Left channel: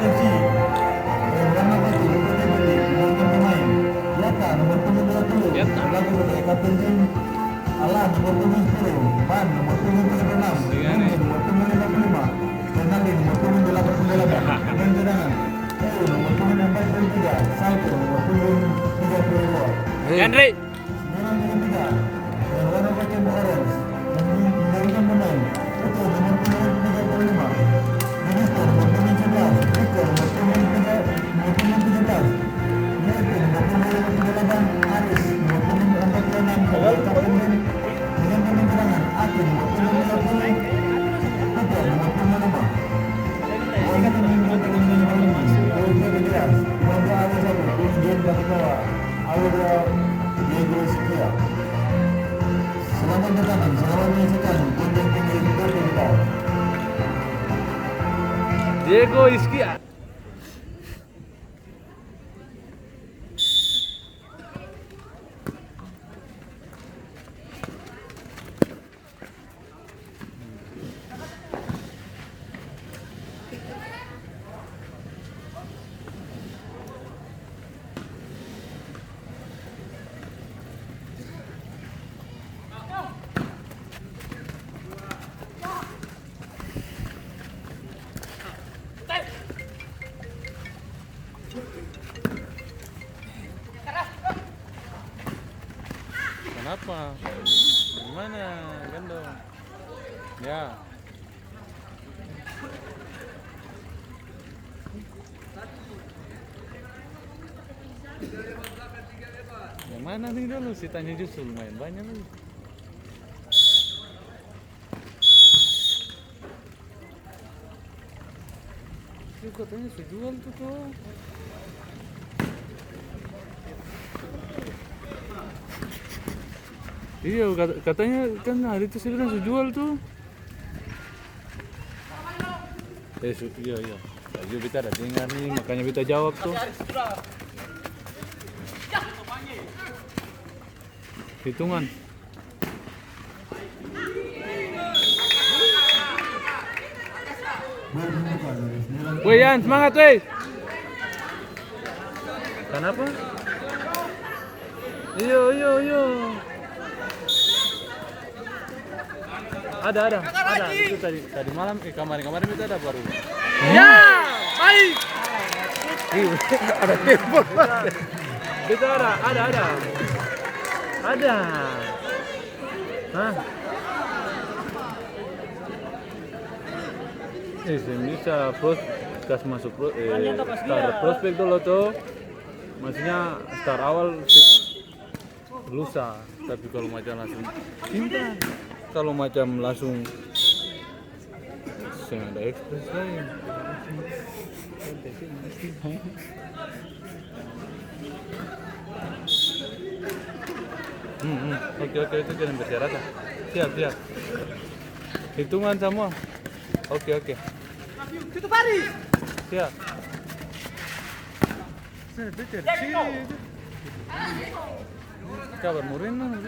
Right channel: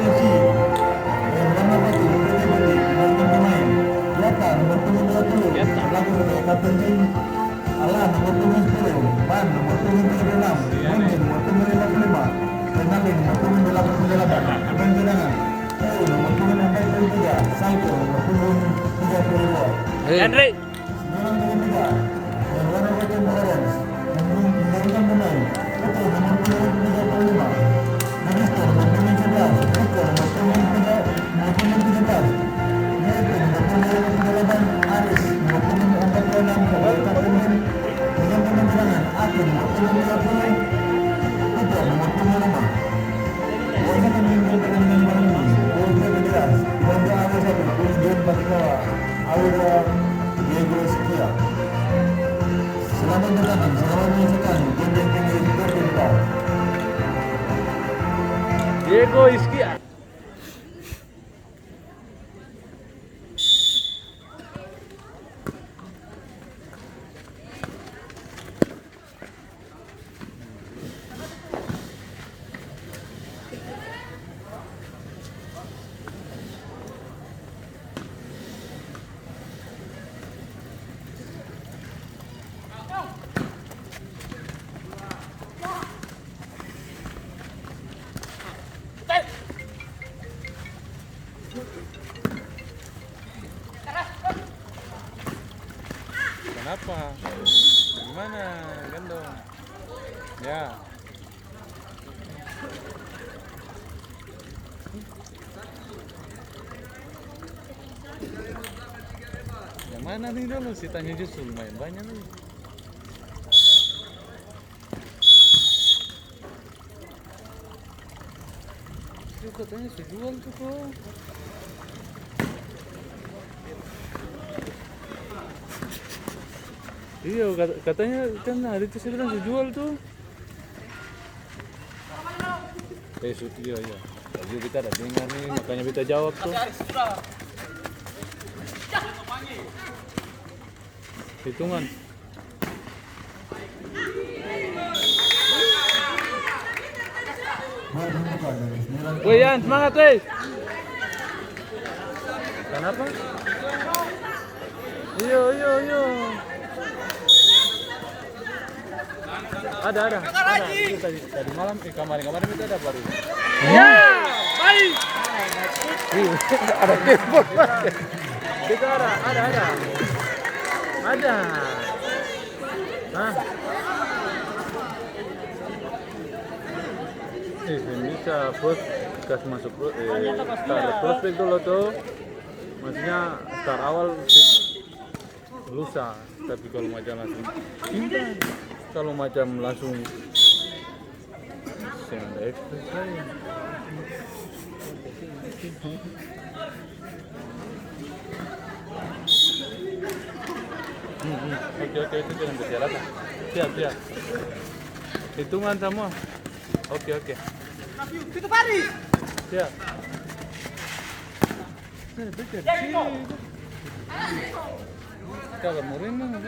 potensi. Warna putih, putih, nomor pemain. Yata, nomor punggung 20. Berlaku sebagai kapten tim. Alan, nomor punggung 10. Pan, nomor punggung 36. Mumin, nomor punggung 55. Fernandin, nomor punggung 88. Pemain cadangan. Nomor punggung 43. Salto, nomor punggung 32. Henry. 93. Dan warna bagian orange. Menggunakan pemain. Itu nomor punggung 35. Minister, nomor punggung 11. Rico, nomor punggung 17. Yaitu nomor punggung 58. Aris, nomor punggung 46. Sebagai kapten tim. Dengan pemain cadangan. Akin, nomor punggung 50. Putra, nomor punggung 5. Warga pemimpin pertandingan malam ini. Polisi Federas. Bangga awal 1. Terus John Batikawa. Awal 2. Diego Esquia. Selamat bertanding, selamat menyaksikan gunjung tinggi bertindak. Diego Esquia. Kenapa? Gimana? Gendong. Ya. Yang mana nih dulu? Si tanya justru lumayan banyak nih. Itu katanya sejual tuh tuh. Iya, katanya kan hari itu saya bilang jual tuh. Iya. Tadi kita ada dengar nih, makanya kita jawab tuh. Hitungan. Woi Yan, semangat woi. Kenapa? Iya. Ada. Tadi malam, kemarin itu ada baru. Ya, baik. Ada telepon. Kita ada. Ada. Hah? Bisa kas masuk start prospek dulu tuh. Maksudnya start awal lusa, tapi kalau macam langsung intan. Kalau macam langsung saya ada ekspres lain. Oke, itu jangan persyaratan. Siap. Hitungan semua. Oke. Kita Paris. Siap. Kabar murim mana?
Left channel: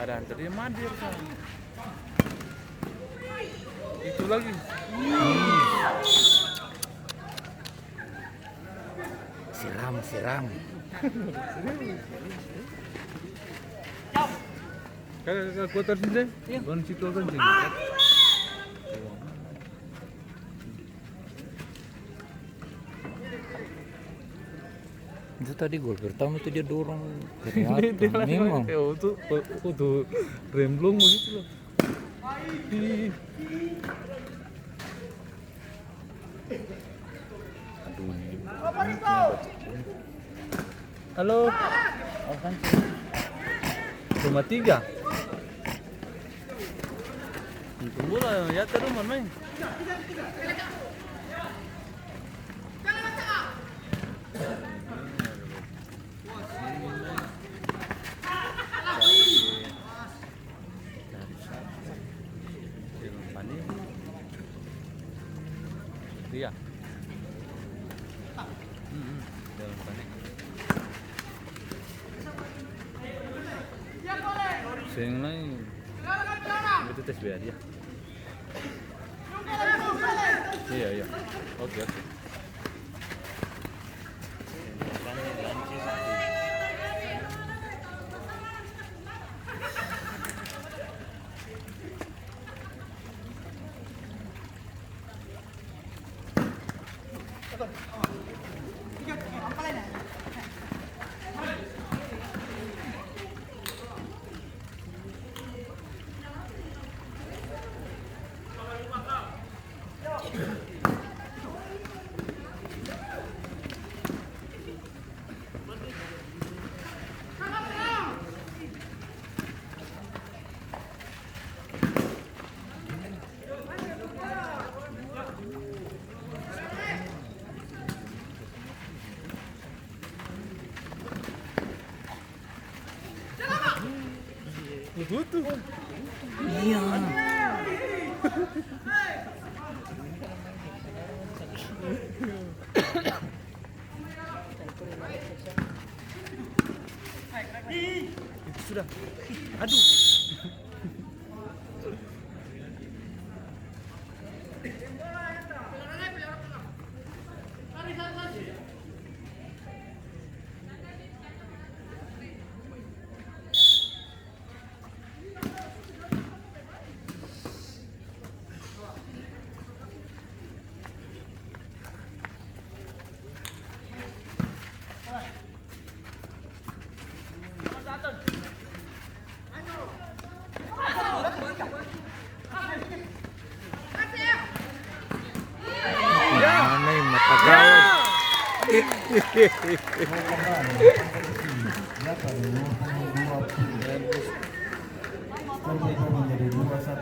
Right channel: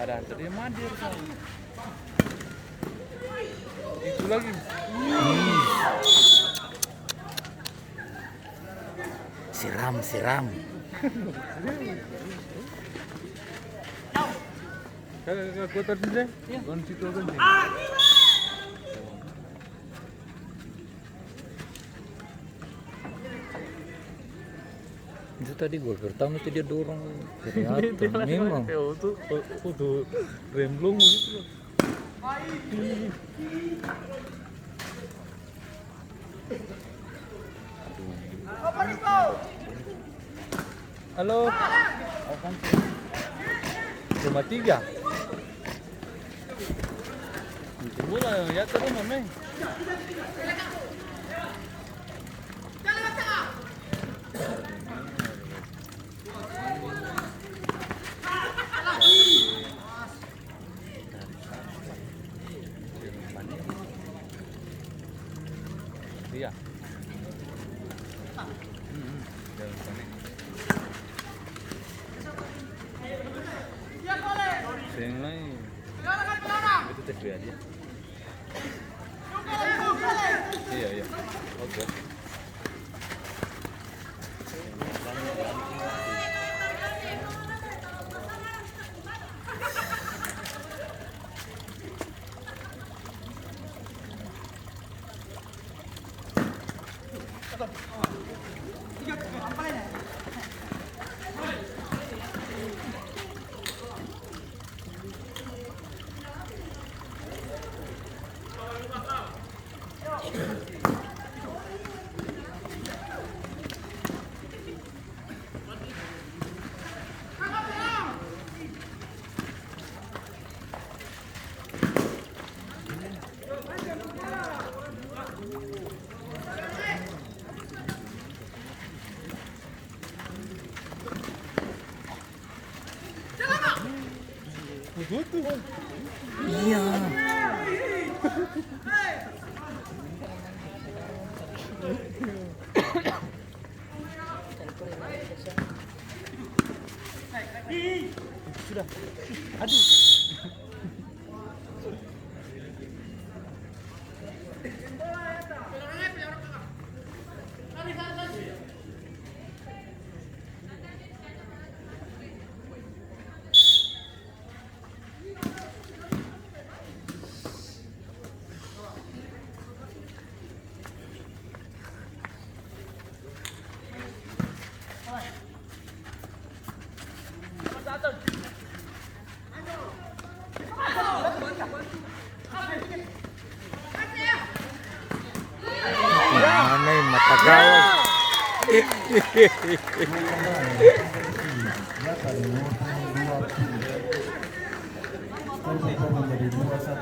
Ada antaranya Madir kan. Itu lagi. Siram. Kalau kuota sini, kan situ kan sini. Itu tadi gol pertama itu dia dorong ternyata memang itu remblong begitu loh. Halo. Cuma 3. Bola ya terus main. Iya. Dalam sana. Sing lain. Itu tes aja. Iya. Oke. Iya. Sudah. Aduh. Mana yang mata gawat? Ya pada 22 skor kita menjadi 2-1.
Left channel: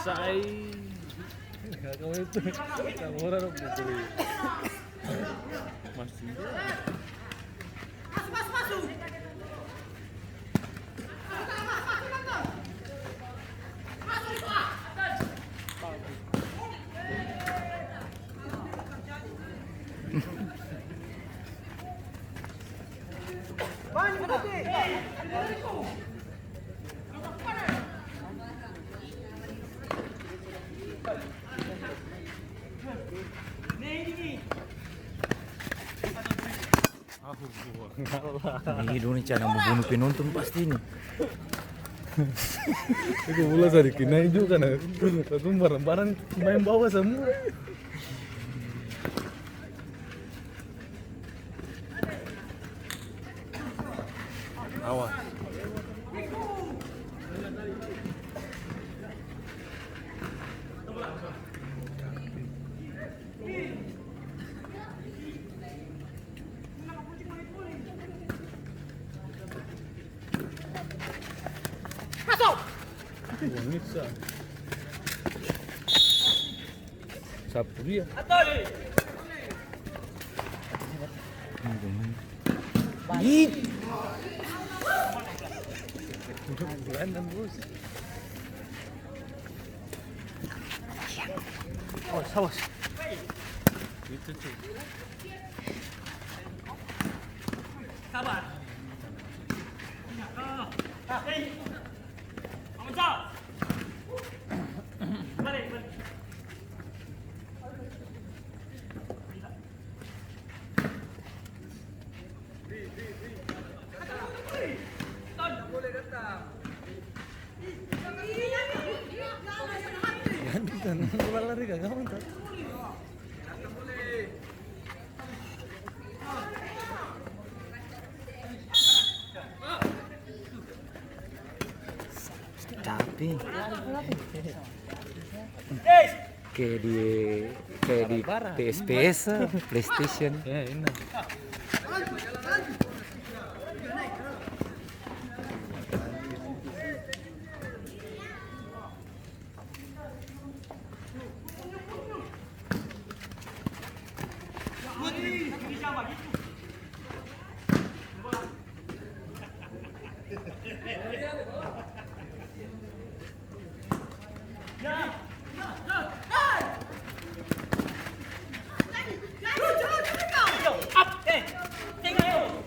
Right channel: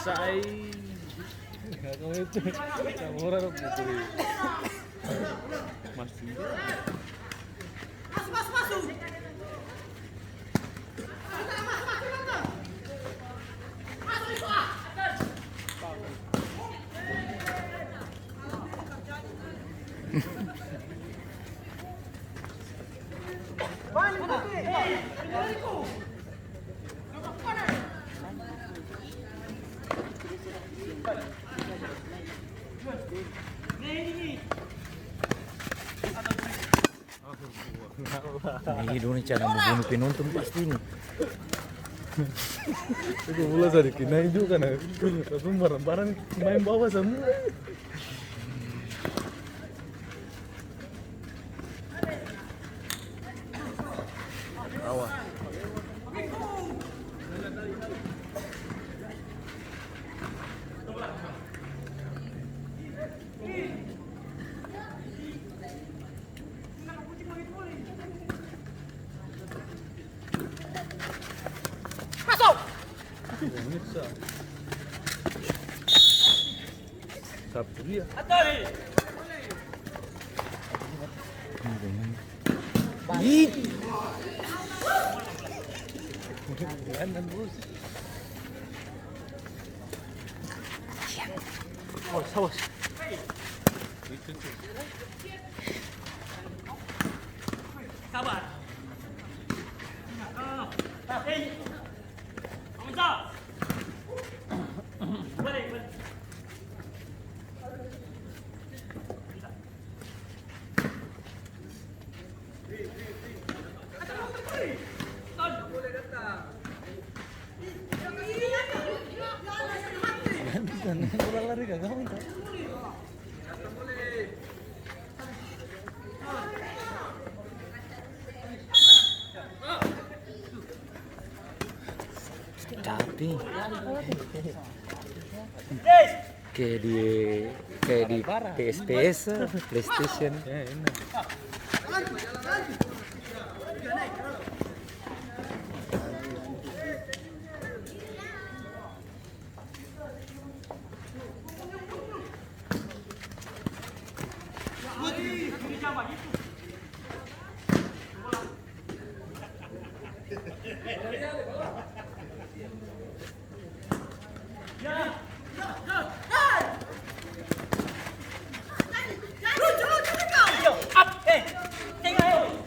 Sai. Kamu itu kamu orang pukul. Masih. Masuk. Ini Indonesia yang membunuh penonton pasti ini. Itu bola dari kinain juga nah. Tapi barang-barang main bawah semua. Bawah. Bisa. Sapu dia. Ih, Bulanan bos. Oh, salah. Itu. Sabar. Bola lari kagak mantap. tapi kayak di PS PlayStation. Ya, ini.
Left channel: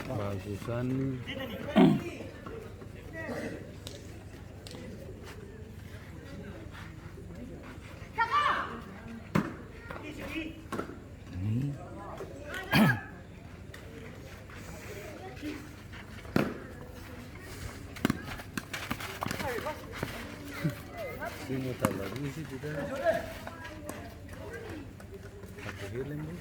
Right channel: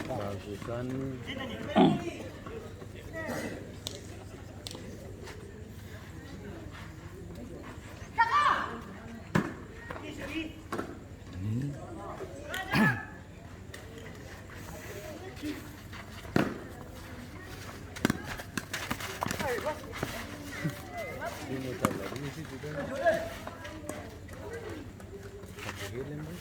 Bagusan nih. Dia mau tahu lagi sih kita. Satu film bu.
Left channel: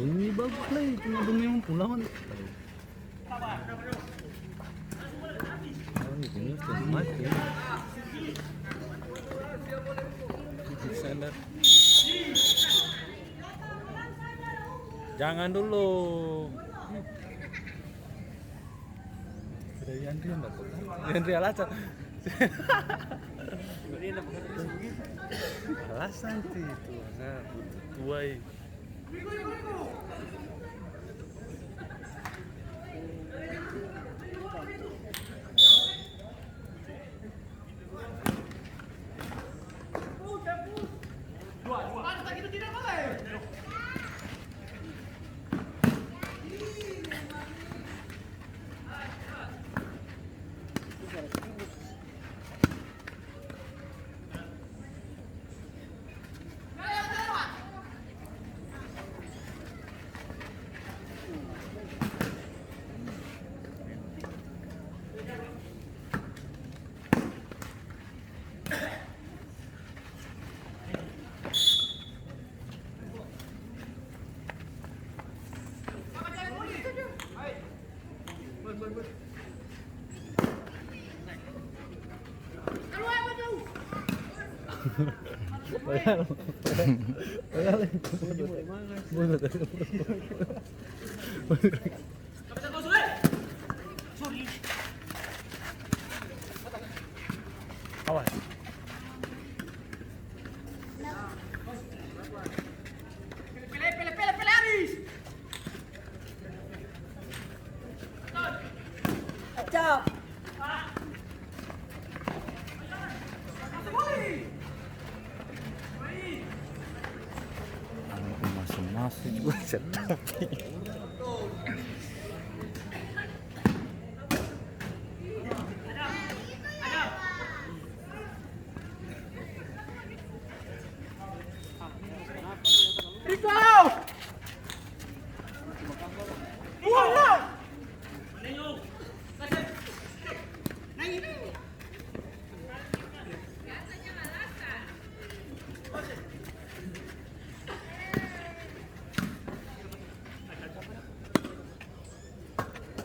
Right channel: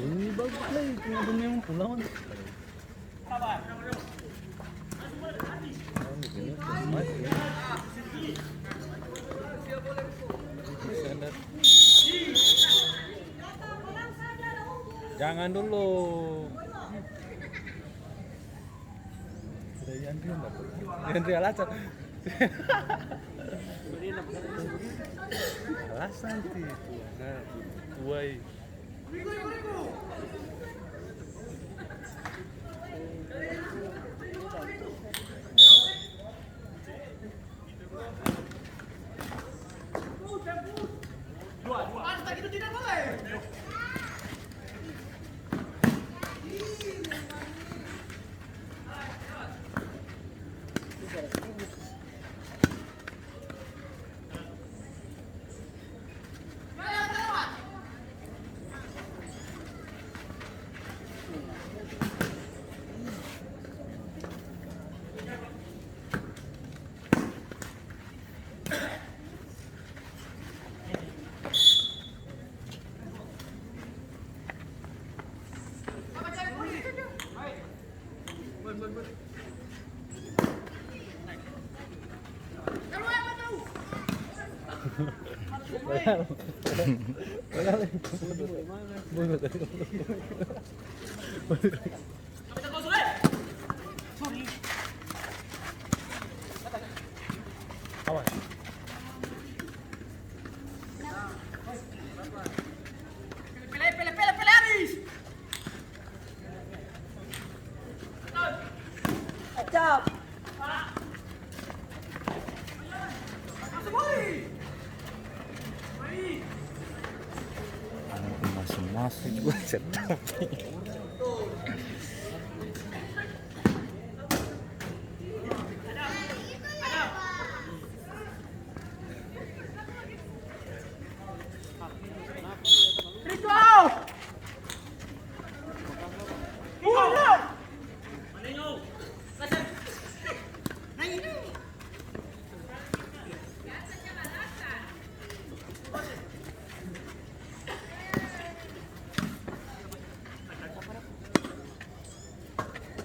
Ini bagus lah itu yang pulang. Ini kemas ya. Jangan dulu. Sudah Yandri enggak tuh? Yandri alasan. Alasan sih itu. Nah, butuh tuai. Masuk juga sedap.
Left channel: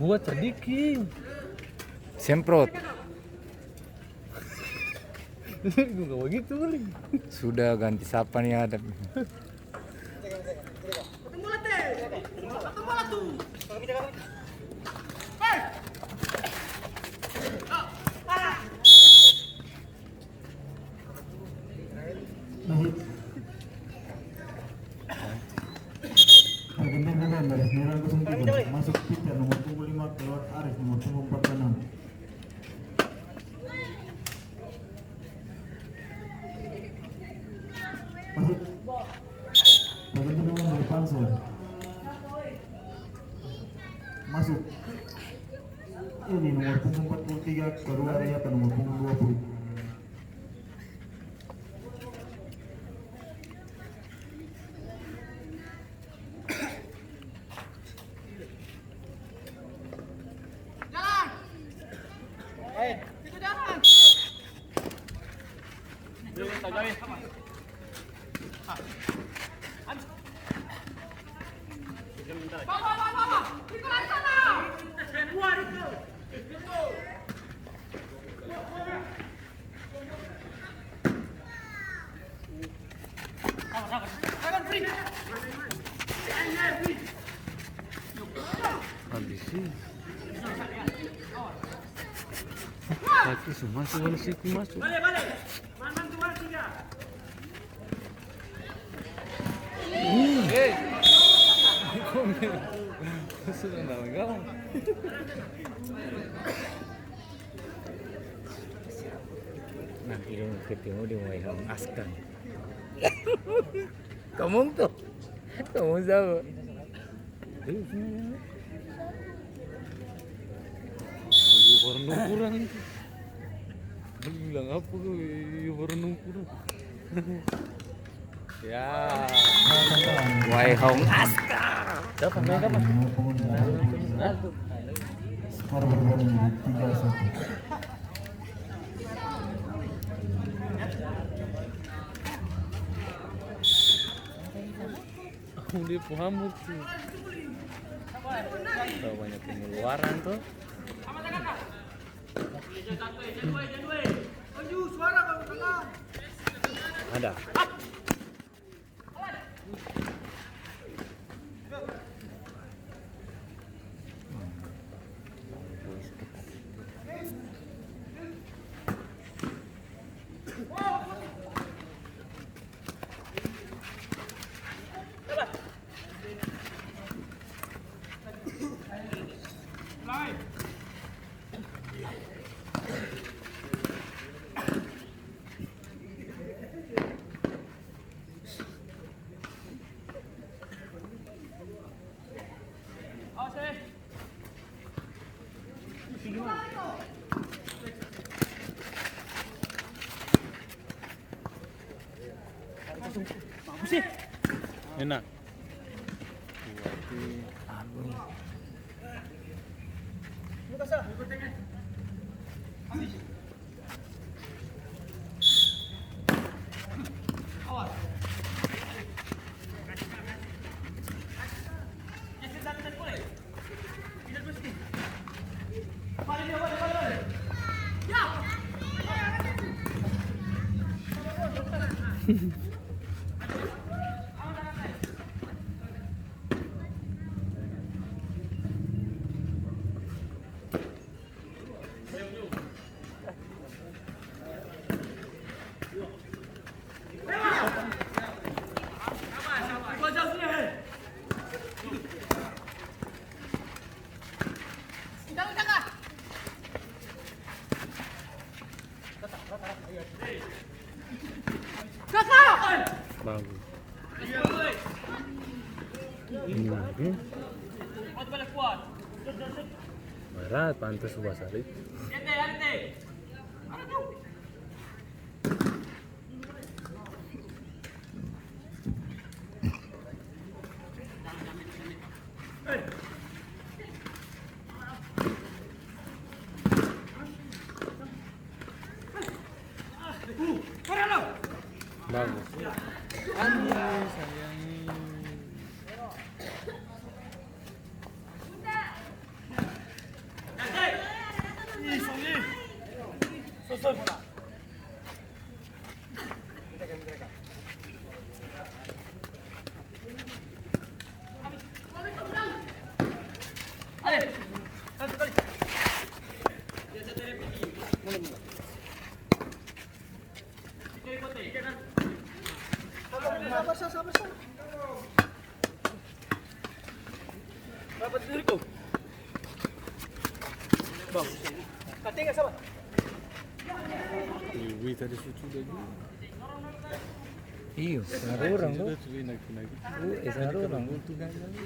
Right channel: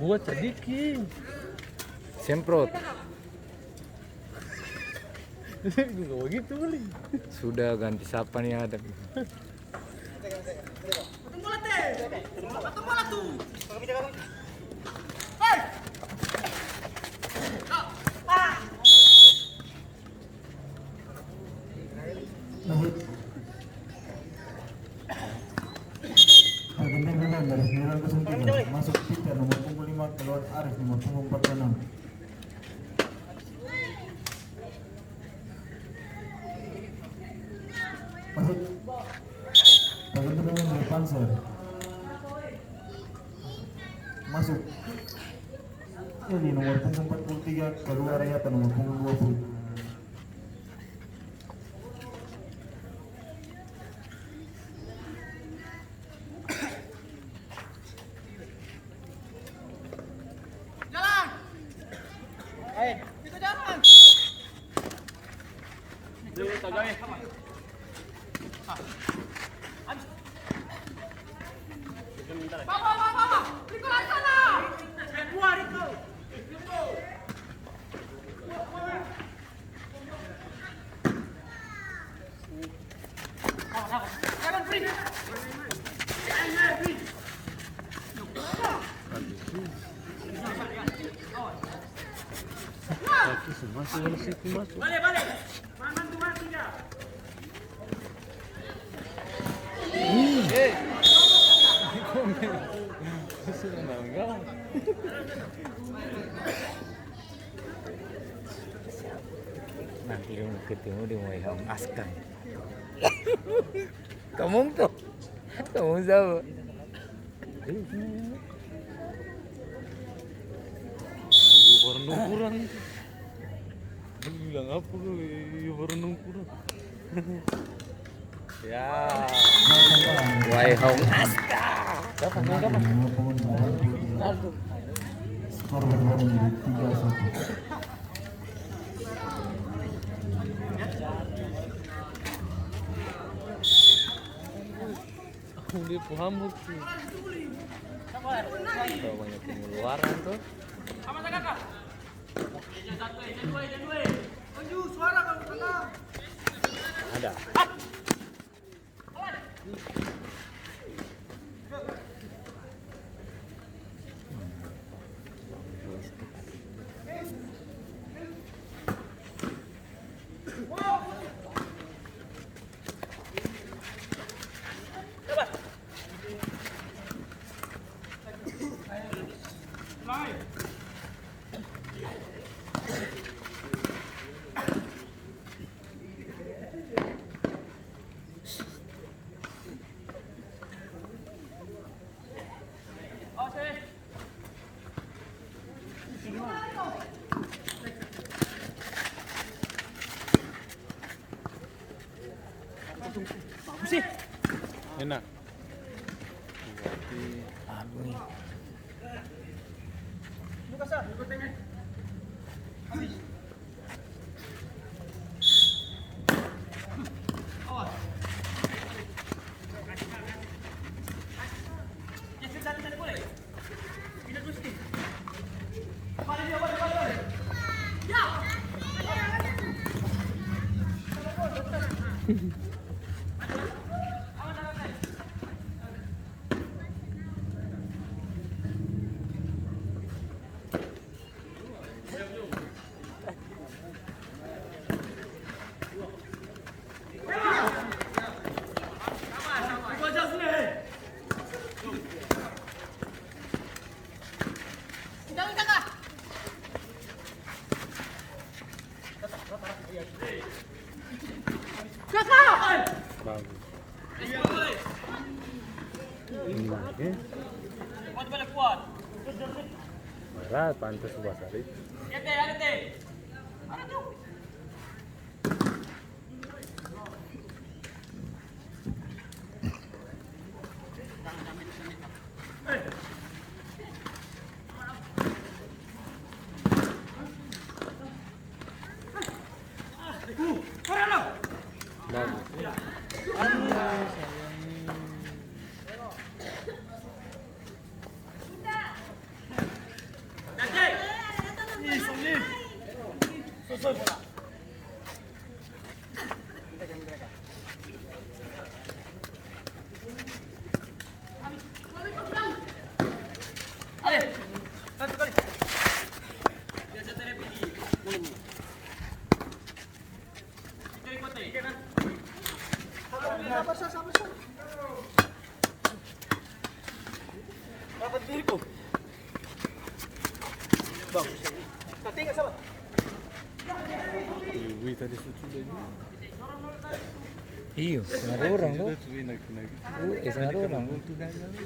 kuat sedikit. Semprot. Enggak begitu kali. Sudah ganti siapa nih ada. Pergantian pemain dari 903 masuk Peter nomor punggung 5 keluar Arif nomor punggung 46. Masuk. Pergantian pemain dari Panser. Masuk. Ini nomor punggung 43 keluar Rayata nomor punggung 20. Tapi semua sudah situ masuk. Sudah enggak. Nanti dong ketemu di Wai Hong Askan. Kamu tuh. Kamu siapa? Warna kurang. Bilang apa gue warna kurang. Ya. Wai Hong Aska. Siapa main kapan? Nomor punggung 83. Skor berubah menjadi 3-1. Di Puhamur tuh. Banyak pengeluaran tuh. Ada. Enak. Aduh. Bagus. Ini lagi. Berat, pantas sebelah sari. Bagus. Aduh, sayangnya. Wih tadi suci lagi. Iya, setengah orang tuh. Enak. Setengah orang. Tuh nanya lu.